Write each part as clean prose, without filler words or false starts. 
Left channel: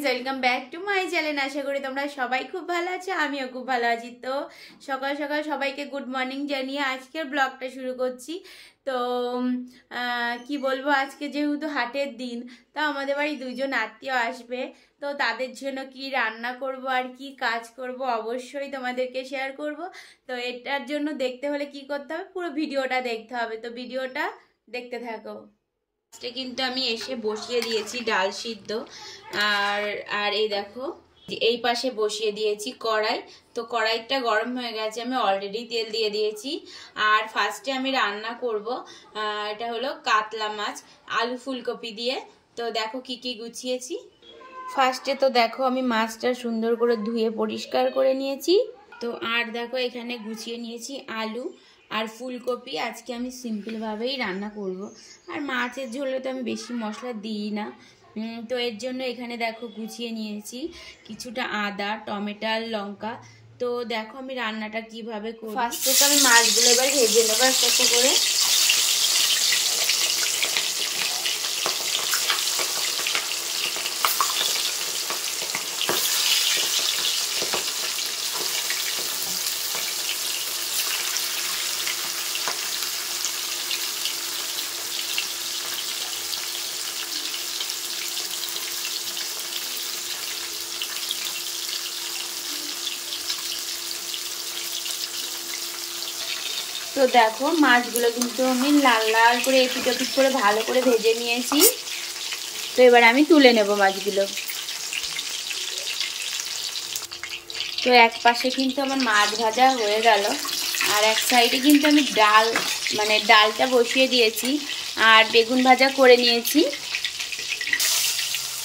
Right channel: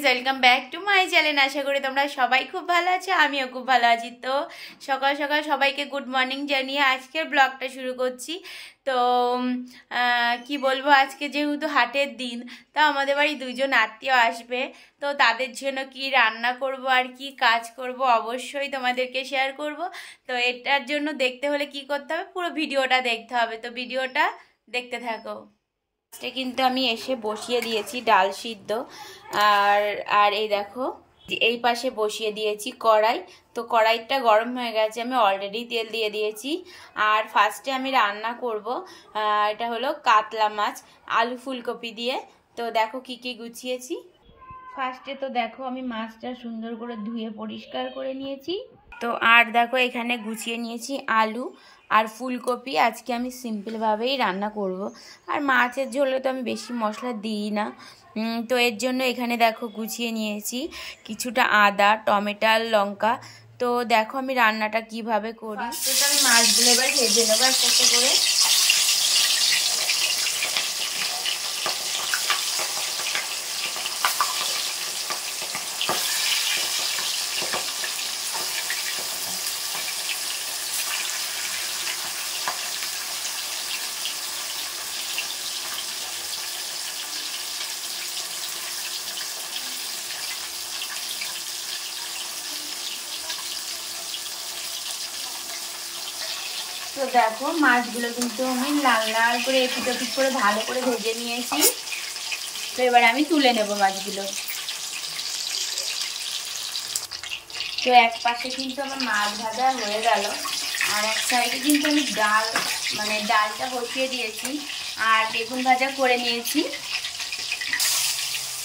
Welcome back to my channel. আশা করি তোমরা সবাই খুব ভালো আছো, আমিও খুব ভালো আছি। তো সকাল সকাল সবাইকে গুড মর্নিং জানিয়ে আজকের ব্লগটা শুরু করছি। তো কি বলবো, আজকে যেহেতু হাটের দিন, তো আমাদের বাড়ি দুজন আত্মীয় আসবে। তো তাদের জন্য কি রান্না করব আর কি কাজ করব অবশ্যই তোমাদেরকে শেয়ার করব। তো এটার জন্য দেখতে হলে কি করতে হবে, পুরো ভিডিওটা দেখতে হবে। তো ভিডিওটা দেখতে থাকো। কিন্তু আমি এসে বসিয়ে দিয়েছি ডাল সিদ্ধ। আর আর এই দেখো, এই পাশে বসিয়ে দিয়েছি কড়াই। তো কড়াইটা গরম হয়ে গেছে, আমি অলরেডি তেল দিয়ে দিয়েছি। আর ফার্স্টে আমি রান্না করব, এটা হলো কাতলা মাছ আলু ফুলকপি দিয়ে। তো দেখো কি কি গুছিয়েছি। ফার্স্টে তো দেখো আমি মাছটা সুন্দর করে ধুয়ে পরিষ্কার করে নিয়েছি। তো আর দেখো এখানে গুছিয়ে নিয়েছি আলু আর ফুলকপি। আজকে আমি সিম্পলভাবেই রান্না করব। আর মাছের ঝোলে তো আমি বেশি মশলা দিই না। তো এর জন্য এখানে দেখো গুছিয়ে নিয়েছি কিছুটা আদা, টমেটো, লঙ্কা। তো দেখো আমি রান্নাটা কিভাবে করি। ফার্স্টে তো আমি মাছগুলো এবার ভেজে নেবো একটু করে। তো দেখো মাছগুলো কিন্তু আমি লাল লাল করে এপিট ওপিট করে ভালো করে ভেজে নিয়েছি। তো এবার আমি তুলে নেব মাছগুলো। তো এক পাশে কিন্তু আমার মাছ ভাজা হয়ে গেল, আর এক সাইডে কিন্তু আমি ডালটা বসিয়ে দিয়েছি আর বেগুন ভাজা করে নিয়েছি।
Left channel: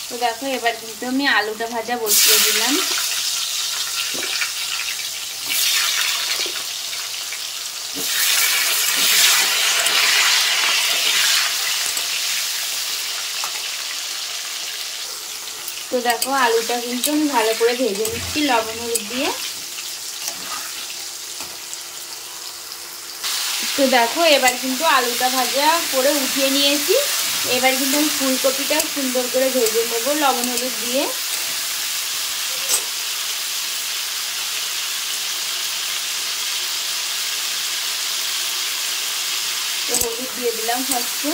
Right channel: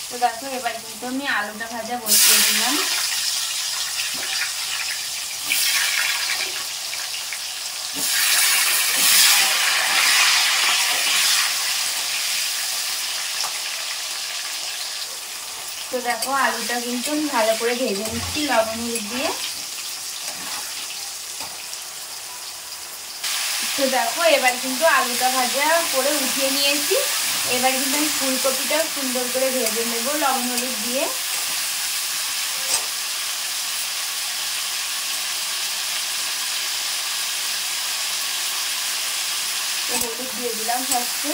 তো দেখো এবার কিন্তু আমি আলুটা ভাজা বসিয়ে দিলাম। তো দেখো আলুটা কিন্তু আমি ভালো করে ভেজে নিচ্ছি লবণ হলুদ দিয়ে। তো দেখো এবার কিন্তু আলুটা ভাজা করে উঠিয়ে নিয়েছি। এবার কিন্তু আমি ফুলকপিটা সুন্দর করে ভেজে নেবো লবণ হলুদ দিয়ে। হলুদ দিয়ে দিলাম ফার্স্টে।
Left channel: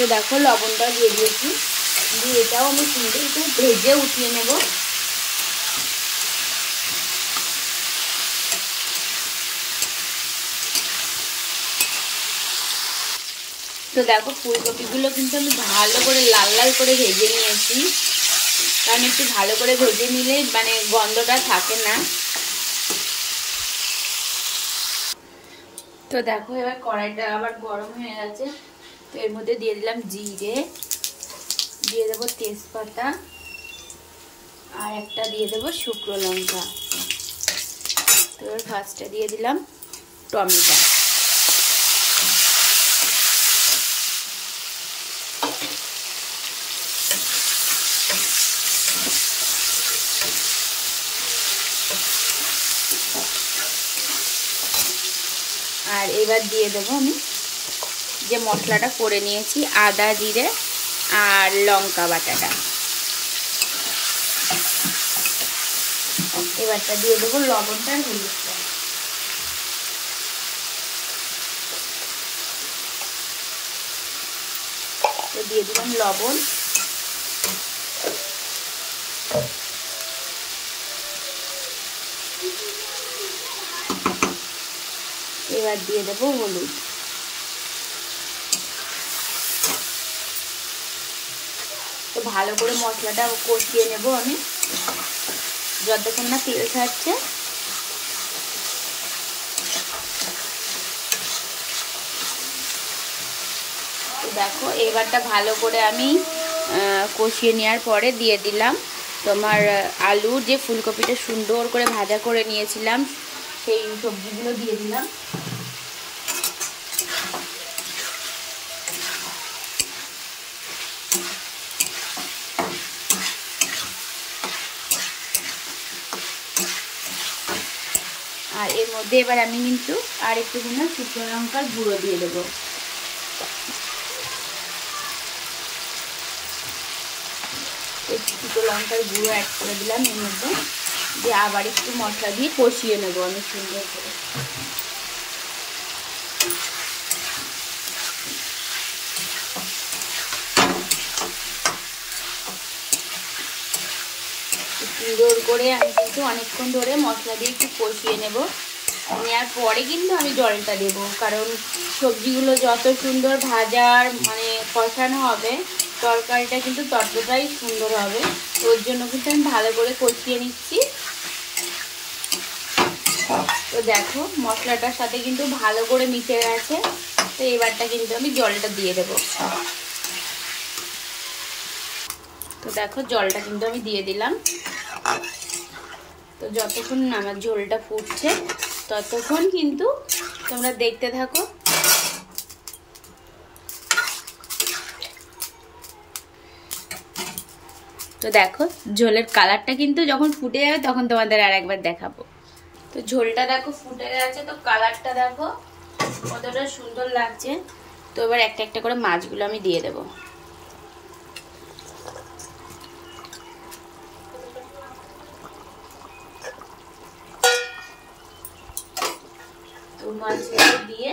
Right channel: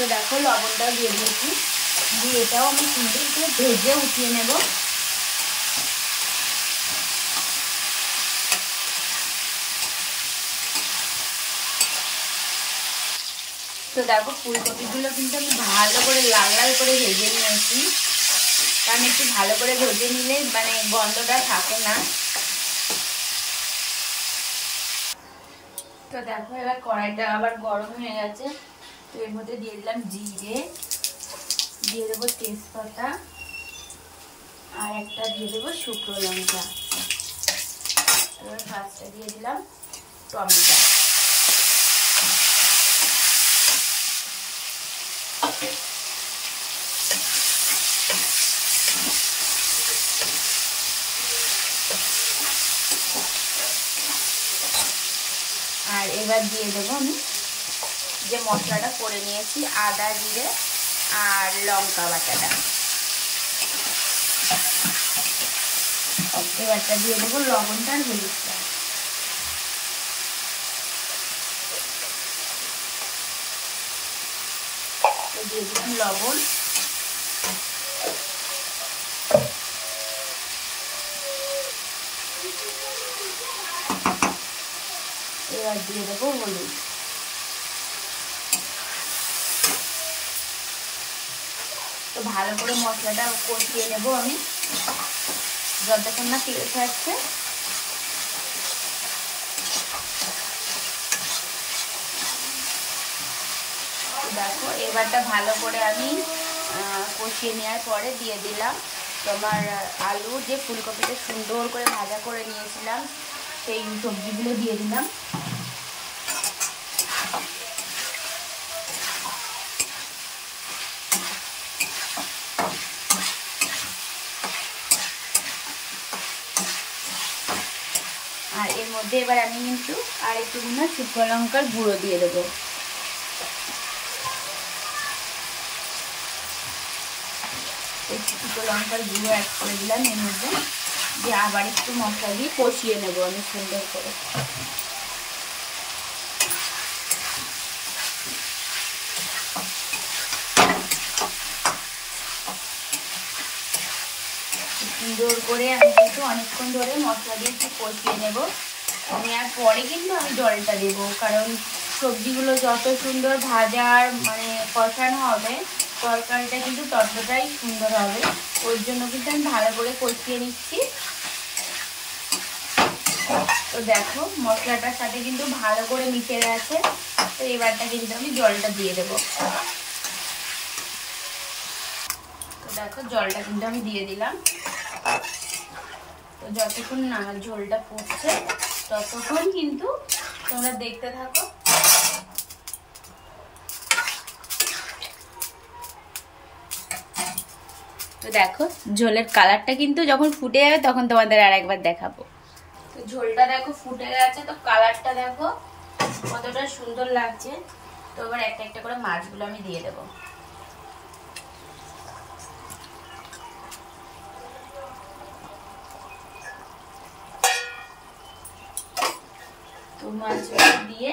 তো দেখো লবণটা দিয়ে দিয়েছি, দিয়ে এটাও আমি সুন্দর করে ভেজে উঠিয়ে নেব। তো দেখো ফুলকপিগুলো কিন্তু আমি ভালো করে লাল লাল করে ভেজে নিয়েছি, কারণ একটু ভালো করে ভেজে নিলে গন্ধটা থাকে না। তো দেখো এবার কড়াইটা আবার গরম হয়ে গেছে। তো এর মধ্যে দিয়ে দিলাম জিরে, দিয়ে দেবো তেজপাতা, আর একটা দিয়ে দেবো শুকনো লঙ্কা। এবার ফার্স্টে দিয়ে দিলাম টমেটো। আর এবার দিয়ে দেবো আমি যে মশলাটা করে নিয়েছি, আদা জিরে আর লঙ্কা বাটাটা। এবারটা দিয়ে দেবো লবণটা আর হলুদটা। দিয়ে দিলাম লবণ। এবার দিয়ে দেবো হলুদ। তো ভালো করে মশলাটা কষিয়ে নেব আমি যতক্ষণ না তেল ছাড়ছে। দেখো এবারটা ভালো করে আমি কষিয়ে নেওয়ার পরে দিয়ে দিলাম তোমার আলু, যে ফুলকপিটা সুন্দর করে ভাজা করে নিয়েছিলাম সেই সবজিগুলো দিয়ে দিলাম। আর এর মধ্যে এবার আমি কিন্তু আর একটুখানি শুকনো লঙ্কার গুঁড়ো দিয়ে দেবো। শুকনো লঙ্কার গুঁড়ো অ্যাড করে দিলাম এর মধ্যে, দিয়ে আবার একটু মশলা দিয়ে কষিয়ে নেবো আমি সুন্দর করে। সুন্দর করে আমি কিন্তু অনেকক্ষণ ধরে মশলা দিয়ে একটু কষিয়ে নেবো। নেওয়ার পরে কিন্তু আমি জলটা দেবো, কারণ সবজিগুলো যত সুন্দর ভাজার মানে কষানো হবে তরকারিটা কিন্তু ততটাই সুন্দর হবে। ওর জন্য কিন্তু আমি ভালো করে কষিয়ে নিচ্ছি। তো দেখো মশলাটার সাথে কিন্তু ভালো করে মিশে গেছে। তো এবারটা কিন্তু আমি জলটা দিয়ে দেবো। তো দেখো জলটা কিন্তু আমি দিয়ে দিলাম। তো যতক্ষণ আমার ঝোলটা ফুটছে ততক্ষণ কিন্তু তোমরা দেখতে থাকো। তো দেখো ঝোলের কালারটা কিন্তু যখন ফুটে যাবে তখন তোমাদের আর একবার দেখাবো। তো ঝোলটা দেখো ফুটে গেছে, তো কালারটা দেখো কতটা সুন্দর লাগছে। তো এবার একটা একটা করে মাছগুলো আমি দিয়ে দেবো। তো মাছগুলো দিয়ে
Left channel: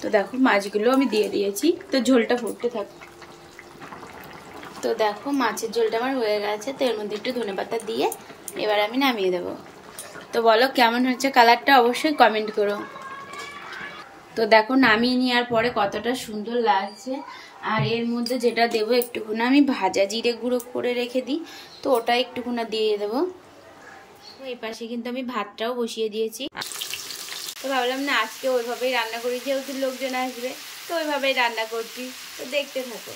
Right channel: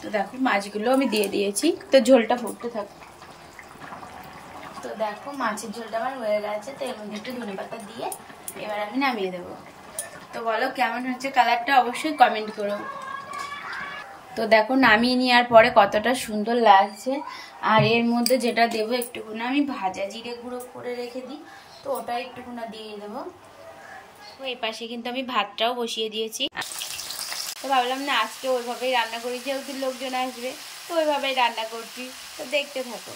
তো দেখো মাছগুলো আমি দিয়ে দিয়েছি। তো ঝোলটা ফুটতে থাকে। তো দেখো মাছের ঝোলটা আমার হয়ে গেছে। তো এর মধ্যে একটু ধনেপাতা দিয়ে এবার আমি নামিয়ে দেবো। তো বলো কেমন হচ্ছে কালারটা, অবশ্যই কমেন্ট করো। তো দেখো নামিয়ে নেওয়ার পরে কতটা সুন্দর লাগছে। আর এর মধ্যে যেটা দেবো একটুখানি আমি ভাজা জিরে গুঁড়ো করে রেখে দিই, তো ওটা একটুখানি দিয়ে দেবো। তো এই পাশে কিন্তু আমি ভাতটাও বসিয়ে দিয়েছি। তো ভাবলাম না আজকে ওইভাবেই রান্না করি, যেহেতু লোকজন আসবে তো ওইভাবেই রান্না করছি। তো দেখতে থাকো।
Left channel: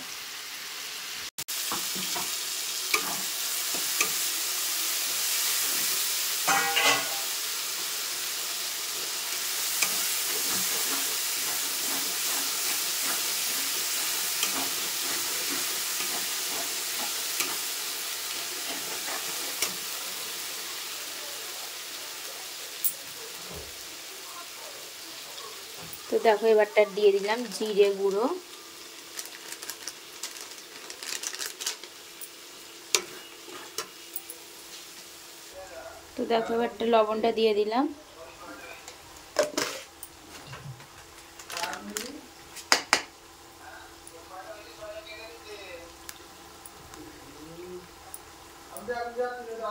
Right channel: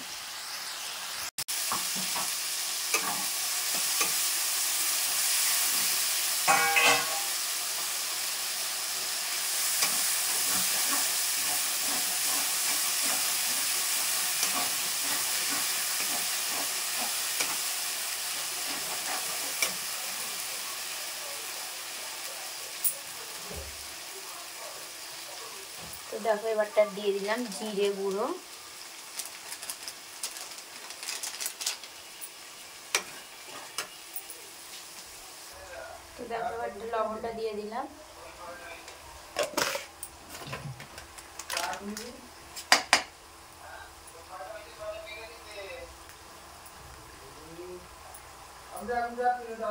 তো দেখো এবারটা দিয়ে দিলাম জিরে গুঁড়ো। তো দেখো এবারটা লবণটা দিয়ে দিলাম।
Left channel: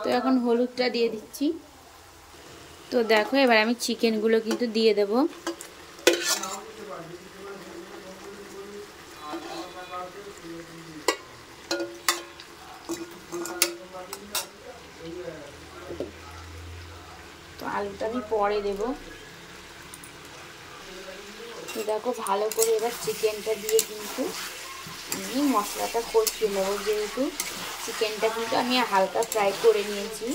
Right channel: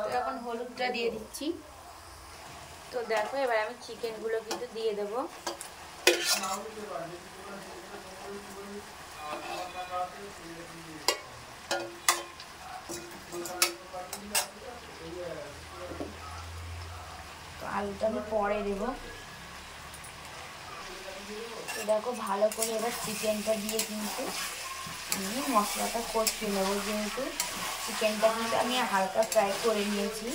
তো এখন হলুদটা দিয়ে দিচ্ছি। তো দেখো এবার আমি চিকেনগুলো কিন্তু দিয়ে দেব। তো আলুটা আমি পরে দেব। তো দেখো ভালো করে এবার চিকেনটা দিয়ে কিন্তু আমি মশলাটা কষিয়ে নেবো, যেহেতু চিকেনটা কিন্তু আমি হালকা ফ্রাই করে নিয়েছি।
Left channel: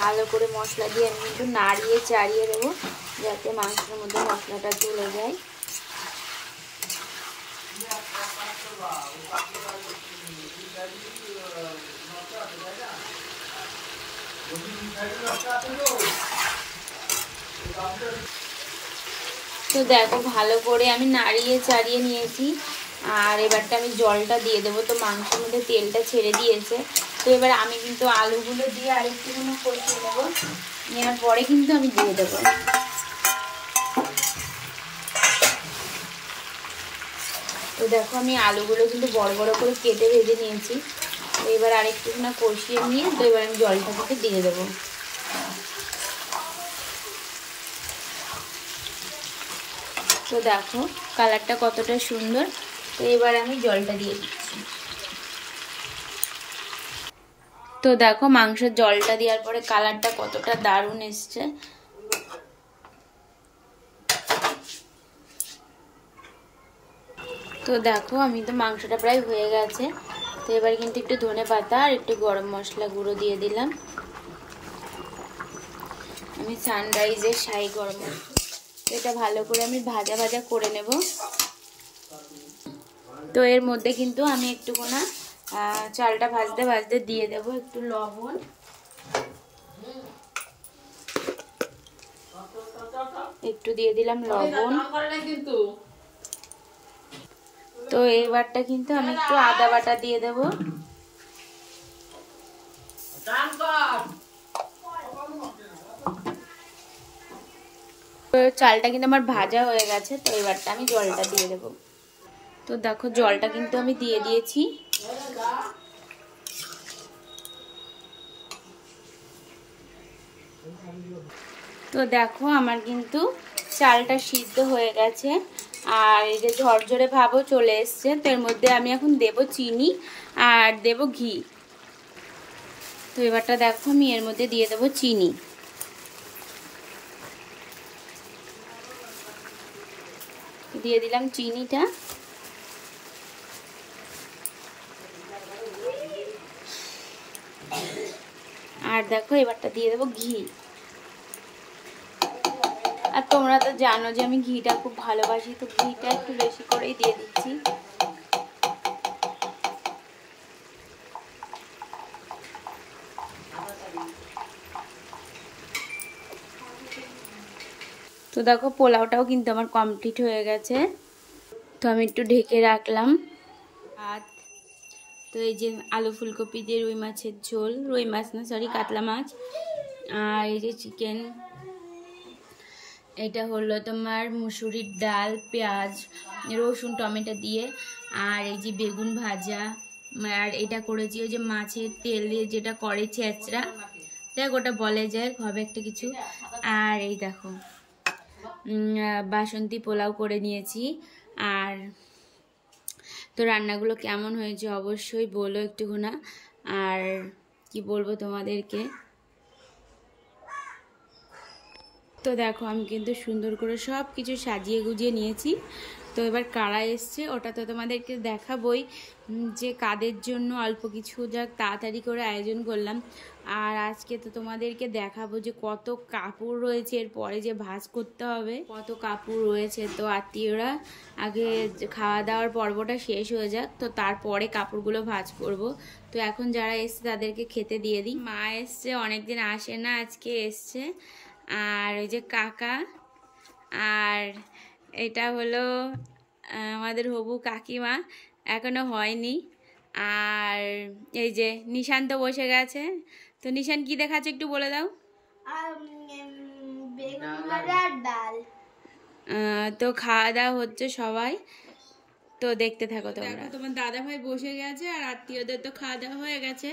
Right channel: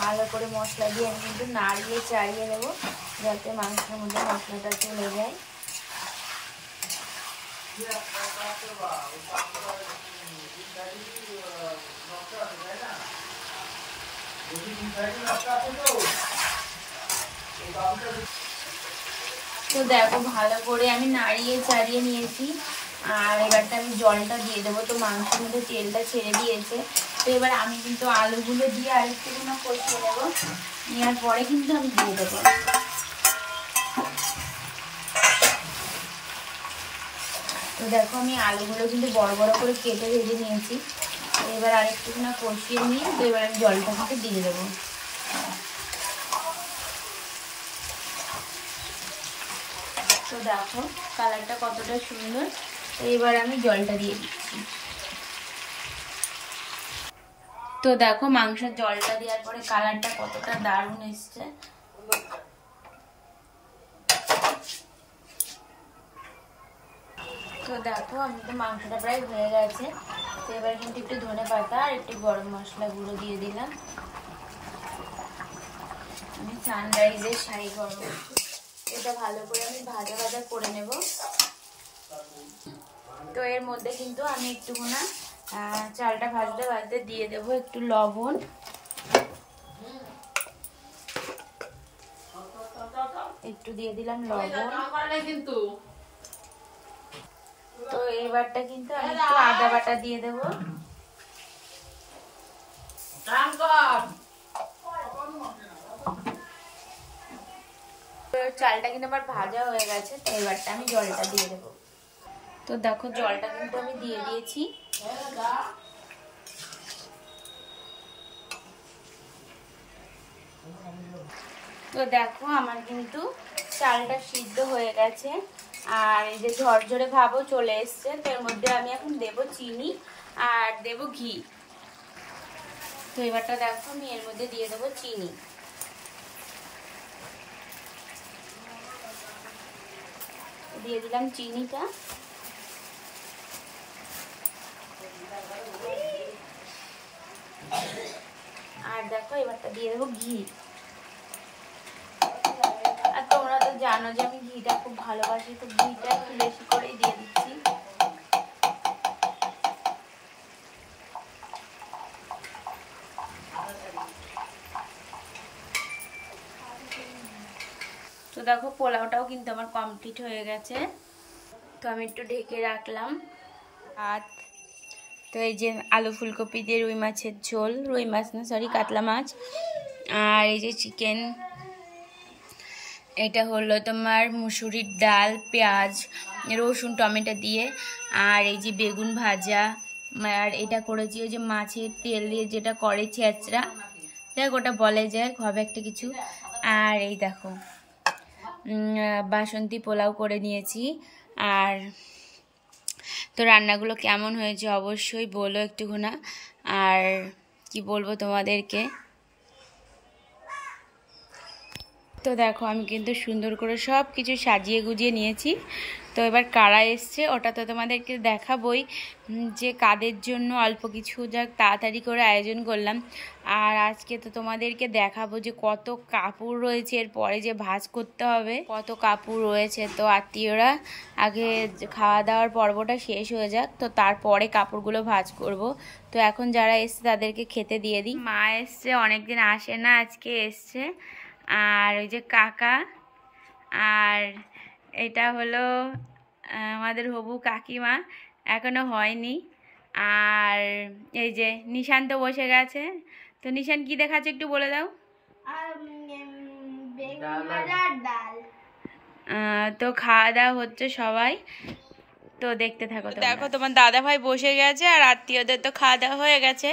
ভালো করে মশলা দিয়ে আমি কিন্তু নাড়িয়ে চাড়িয়ে দেবো, যাতে মাংসের মধ্যে মশলাটা চলে যায়। তো দেখো ভালো করে আমি নাড়িয়ে চাড়িয়ে নিয়েছি। আর এবারটা আমি জলটা দিয়ে দেবো। তো মাংসের মধ্যে তেলটা ছেড়ে দিয়েছে। তো এবার আমি কিন্তু আলুগুলো দিয়ে আরেকটুখানি কষিয়ে নেবো। নেওয়ার পরে কিন্তু আমি দিয়ে দেবো। তো দেখো আমি আলুগুলো কিন্তু বড় বড় করে কেটে ভেজে নিয়েছি। এবার আরেকটুখানি কষিয়ে নিয়ে তো এবার আমি জলটা কিন্তু দিয়ে দেবো। তো দেখো কালারটা কতটা সুন্দর। তো এবার আমি জলটা দিয়ে দিচ্ছি। তো দেখো মাংসের জলটা দেওয়ার পরে কালারটা কতটা দারুণ এসছে। তো দেখো আমি তো মাংসটা প্রায় হয়ে গেছে। তো এবার কিন্তু একটু ধনে পাতা আর একটু গরম মশলা গুঁড়ো দিয়ে দিলাম। আমি সানরাইজের শাহী গরম মশলা, এটা ভালো করে আমি ভাজা ভাজা করে নেব। তো এর মধ্যে কিন্তু আমি একটুখানি চালটা ভাজতে ভাজতে দিয়ে দেব একটু লবণ, একটু দিয়ে দিলাম লবণ। তো এবারটা কিন্তু আমি একটু আদা বাটা দিয়ে দেব। তো চালটা কিন্তু আমার ভাজা হয়ে গেছে। তো এবারটা আমি জলটা দিয়ে দেব। তো দেখো জলটা কিন্তু আমি দিয়ে দিয়েছি। তো দেখো আমার কিন্তু চালটা সিদ্ধ হয়ে গেছে আর এই যে ঝরঝরে ভাবও চলে এসছে। তো এর মধ্যে আমি এখন দেব চিনি আর দেব ঘি। তো এবারটা দেখো আমি এর মধ্যে দিয়ে দেব চিনি। দিয়ে দিলাম চিনিটা। আর দেখো এবারটা দিয়ে দেবো ঘি। আর তোমরা তো জানো যে আমি ঘিটা খুব ভালোবাসি, তো ঘিটা একটু বেশি করেই দিয়ে দিচ্ছি। তো দেখো পোলাওটাও কিন্তু আমার কমপ্লিট হয়ে গেছে। তো আমি একটু ঢেকে রাখলাম। আর তো এই যে আলু ফুলকপি দিয়ে রুই মাছের ঝোল, রুই মাছ না সরি কাতলা মাছ, আর এই যে চিকেন, এটা হলো তোমার মুসুরির ডাল, পেঁয়াজ, রসুন, টমেটো দিয়ে, আর এই যে বেগুন ভাজা, আর এটা করেছি ওই যে মাছের তেল দিয়ে যেটা করে ছেঁচড়া, দেখ ওটা বলে যায় হবে একটা কিছু। আর এই দেখো বাসন্তী পোলাও করে নিয়েছি। আর তো রান্নাগুলো কেমন হয়েছে অবশ্যই বলো একটুখানি। আর কি বলবো তোমাদেরকে, তো দেখো আমি কিন্তু সুন্দর করে সব কিছু সাজিয়ে গুজিয়ে নিয়েছি। তো এবার কারা এসছে ওটা তো তোমাদেরকে দেখাবই, যে কাদের জন্য অল্প কিছু যাক তাড়াতাড়ি করে আয়োজন করলাম। আর আজকে তো তোমাদেরকে দেখাবো যে কত কাপড় রয়েছে, এরপরে যে ভাঁজ করতে হবে কত কাপড় রয়েছে। তো আত্মীয়রা আগে খাওয়া দাওয়ার পর্বটা শেষ হয়ে যাক, তো তারপরে কাপড়গুলো ভাঁজ করব। তো এখন যারা এসছে তাদেরকে খেতে দিয়ে দিই। মা এসছে, অনেকদিন আসে না, আজকে এসছে। আর ওই যে কাকা, আর এটা হলো আমাদের হবু কাকিমা, এখনো হয়নি। আর এই যে নিশান্ত বসে গেছে। তো নিশান কি দেখাচ্ছে একটু বলে দাও। তো খাওয়া দাওয়া হচ্ছে সবাই, তো দেখতে থাকো। তো দেখো তোমার দাদা ভাই বসে গেছে আর আত্মীয়দের তো খাওয়া দাওয়া হয়ে গেছে।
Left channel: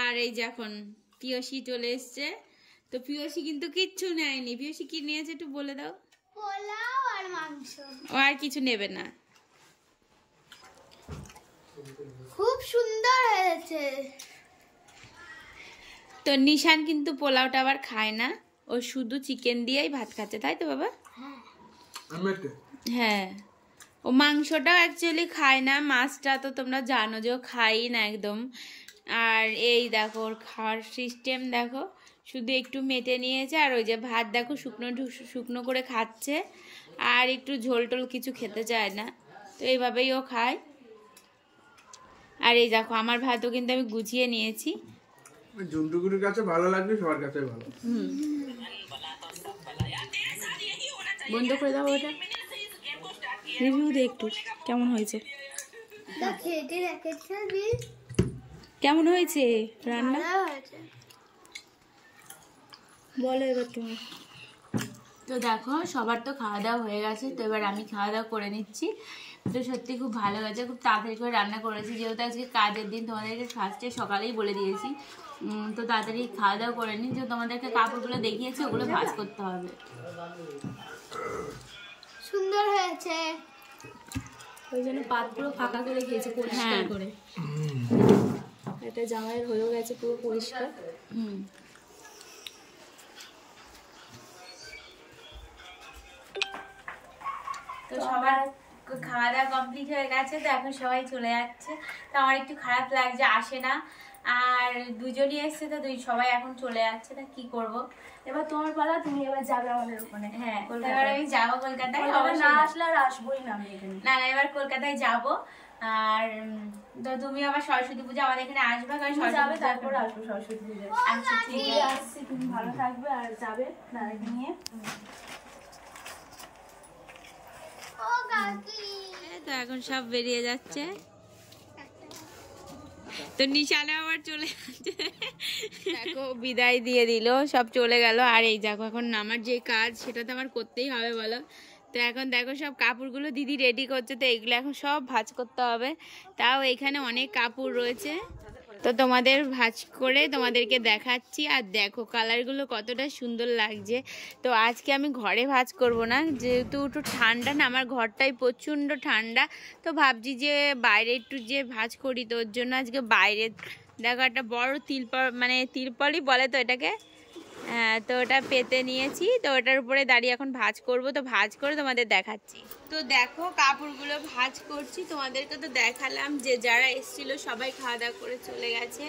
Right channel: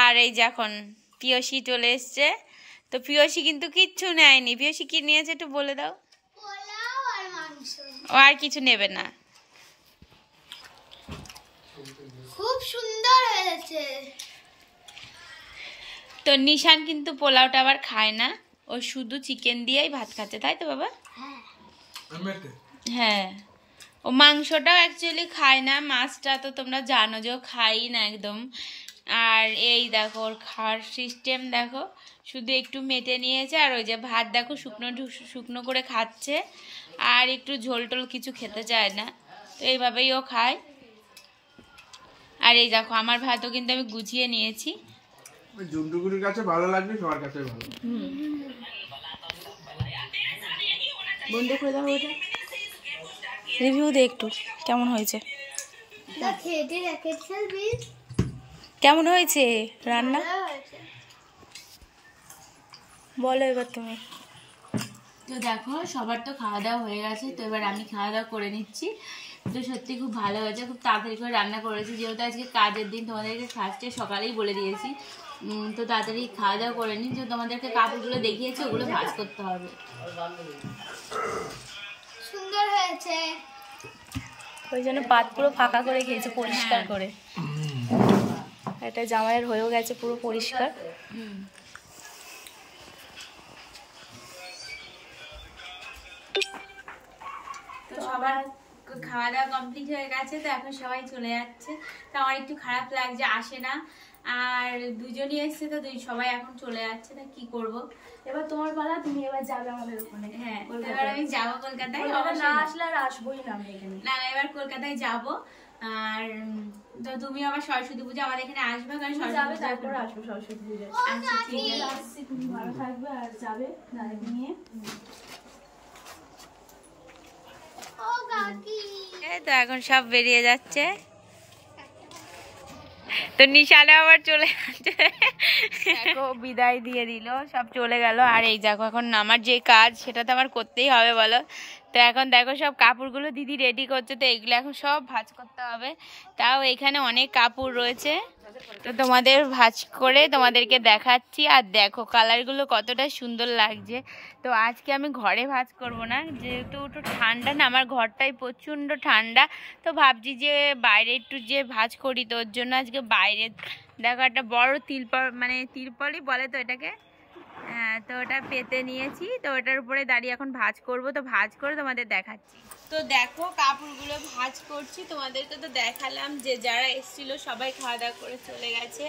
আর এই যে এখন পিয়সী চলে এসছে। তো পিয়সী কিন্তু কিচ্ছু নেয়নি। পিয়সী কি নিয়েছে একটু বলে দাও। ও আর কিছু নেবে না। খুব সুন্দর হয়েছে। তো নিশান কিন্তু পোলাওটা আবার খায় না, ও শুধু চিকেন দিয়েই ভাত খাচ্ছে, তাই তো বাবা? হ্যাঁ, ও মাংসটাও অ্যাকচুয়ালি খায় না, মাছটা তো তোমরা জানো যে ও খাই না একদম। আর এই দেখো ওর খাওয়ার সিস্টেম দেখো, শুধু একটু মেটে নিয়েছে আর ওই যে ভাত দেখো শুকনো শুকনো করে খাচ্ছে, আর একটু ঝোল টোল কিছু খেতে চায় না। তো এইভাবেই ও খায়। আর এই দেখো আমার ভাতও কিন্তু আমি গুছিয়ে নিয়েছি। জন্তুগুলির কাছে ভালো লাগবে, সবার কাছে ভালো। বন্ধ করে দাও ওটা। রিভিউ দে একটু কেমন হয়েছে। কেমন হয়েছে রান্না বলো এবার তুমি। তো দেখো সবার তো খাওয়া দাওয়া হয়ে গেছে, তো এবার আমি খাওয়া দাওয়া করে নিচ্ছি। তো সত্যি খুব ভালো হয়েছে, খুব তাড়াতাড়ি করে রান্না করেছি, যেহেতু আজকে কাজের দিন। তোমাদেরকে ফার্স্টে সকালেই বলে দিয়েছি, তো তাড়াতাড়ি খাওয়া দাওয়া করে নিই। যে তোমাদেরকে কাপড়গুলো দেখিয়েছি ওগুলো ভাঁজ করতে হবে। সুন্দর হয়েছে। ওই জন্য পাত পুরো ফাঁকা করে খেয়েছে পরিষ্কার করে। এটা জামাইয়ের হয়েও গেছে পুরো পরিষ্কার। তো সবার খাওয়া দাওয়া কমপ্লিট হয়ে গেছে, তো এখন সবাই চলে যাচ্ছে। তো আমার একটু খারাপ লাগছে, আসে না, আর দুজনই এসছে, তো সবাই এখন চলে যাচ্ছে, তা কি করব। এবার তোমার পালা, তুমি এবার যাবে আমাদের ওখানে। হ্যাঁ, এবার আমি যাবো কলকাতায়, না আসলে আর আসবোই না আমি এখানে। না না, এবার কলকাতায় যাব। আর তো তুমি আবার সরস্বতী পূজা আমাদের এখানে আসবে, কারণ সরস্বতী পূজা তারপর আসবো সরস্বতী পূজা। আচ্ছা ঠিক আছে, তুমি ভালো থাকবে আর যাবে দাদাকে নিয়ে। ও কাকি তো এখন সব বেরিয়ে যাচ্ছে, তো নিশানা আবার চলে যাচ্ছে। দেখো বিদায় দিয়ে দিল, সব চলে গেল। আর এই দেখো এখন আমার যে কাজ সেটা তো আমার করতেই হবে বলো। তো এখন দেখো সব কাপড়গুলো দিদি রেডি করছে, তো এগুলো এখন সব ভাঁজ করতে হবে। তাও এখানে অনেক কাপড় রয়েছে, তো তোমাদের ভাঁজ করে তোমাদেরকে দেখাচ্ছি। আর দেখো কালারগুলো কতটা সুন্দর লাগছে। তো আজকে আমি ঘরে ভাঁজ করব না, যেহেতু একটু ঠান্ডা না, আমার ঘরটাই প্রচণ্ড ঠান্ডা। তো ভাবছি যে বাইরে একটু যে ভাঁজ করি, তো ওর জন্য আজকে বাইরে দেখো একটা বড় তিরপলই বলে তো এটাকে, হ্যাঁ, তো ওটা পেতে নিয়েছি। তো ওটার উপরে দাঁড়িয়ে এখন ভাঁজ করব, তো ভাঁজ করে তোমাদের দেখাচ্ছি। তো দেখো কাপড়গুলো ভাঁজ করছি, তোমাদেরকে তো দেখালাম যে যারা এসেছিল সবাই খাওয়া দাওয়া করে চলে গেছে।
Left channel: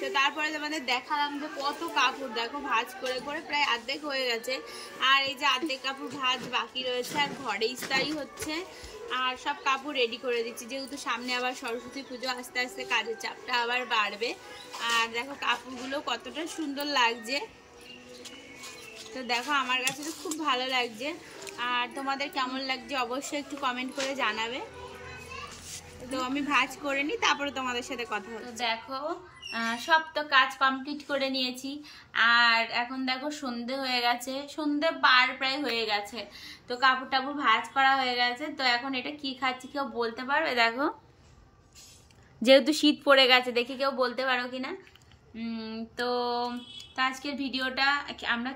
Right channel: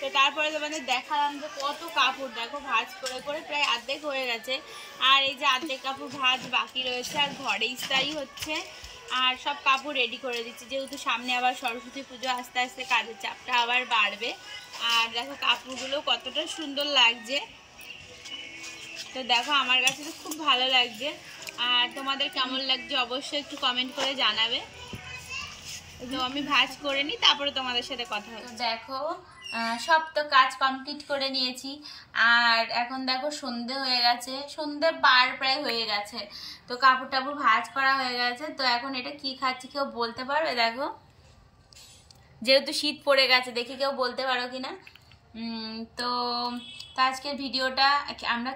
তো তারপরে তোমাদের দেখালাম যে কত কাপড় দেখো ভাঁজ করে করে প্রায় অর্ধেক হয়ে গেছে। আর এই যে অর্ধেক কাপড় ভাঁজ বাকি রয়েছে, আর ঘরে ইস্তারি হচ্ছে। আর সব কাপড় রেডি করে দিচ্ছি, যেহেতু সামনে আবার সরস্বতী পুজো, আস্তে আস্তে কাজের চাপটা আবার বাড়বে। আর দেখো কাপড়গুলো কতটা সুন্দর লাগছে, তো দেখো আমার কাছে তো খুব ভালো লাগছে। আর তোমাদের কেমন লাগছে অবশ্যই একটু কমেন্ট করে জানাবে। তো আমি ভাঁজ করে নিই, তারপরে তোমাদের সাথে কথা হবে। তো দেখো সব তো কাজ কমপ্লিট করে নিয়েছি। আর এখন দেখো সন্ধে হয়ে গেছে, সন্ধে প্রায় হয়ে গেছে। তো কাপড় টাপড় ভাঁজ করা হয়ে গেছে। তো এখন এটা কি খাচ্ছি কেউ বলতে পারবে? দেখো যেহেতু শীত পড়ে গেছে, দেখি কেউ বলতে পারো কিনা। তো আজকের ভিডিওটা আমরা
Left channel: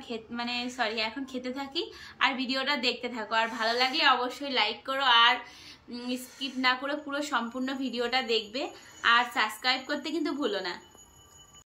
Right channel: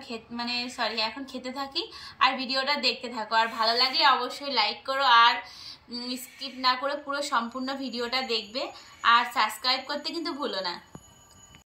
এখন খেতে থাকি, আর ভিডিওটা দেখতে থাকো। আর ভালো লাগলে অবশ্যই লাইক করো, আর স্কিপ না করে পুরো সম্পূর্ণ ভিডিওটা দেখবে। আর সাবস্ক্রাইব করতে কিন্তু ভুলো না।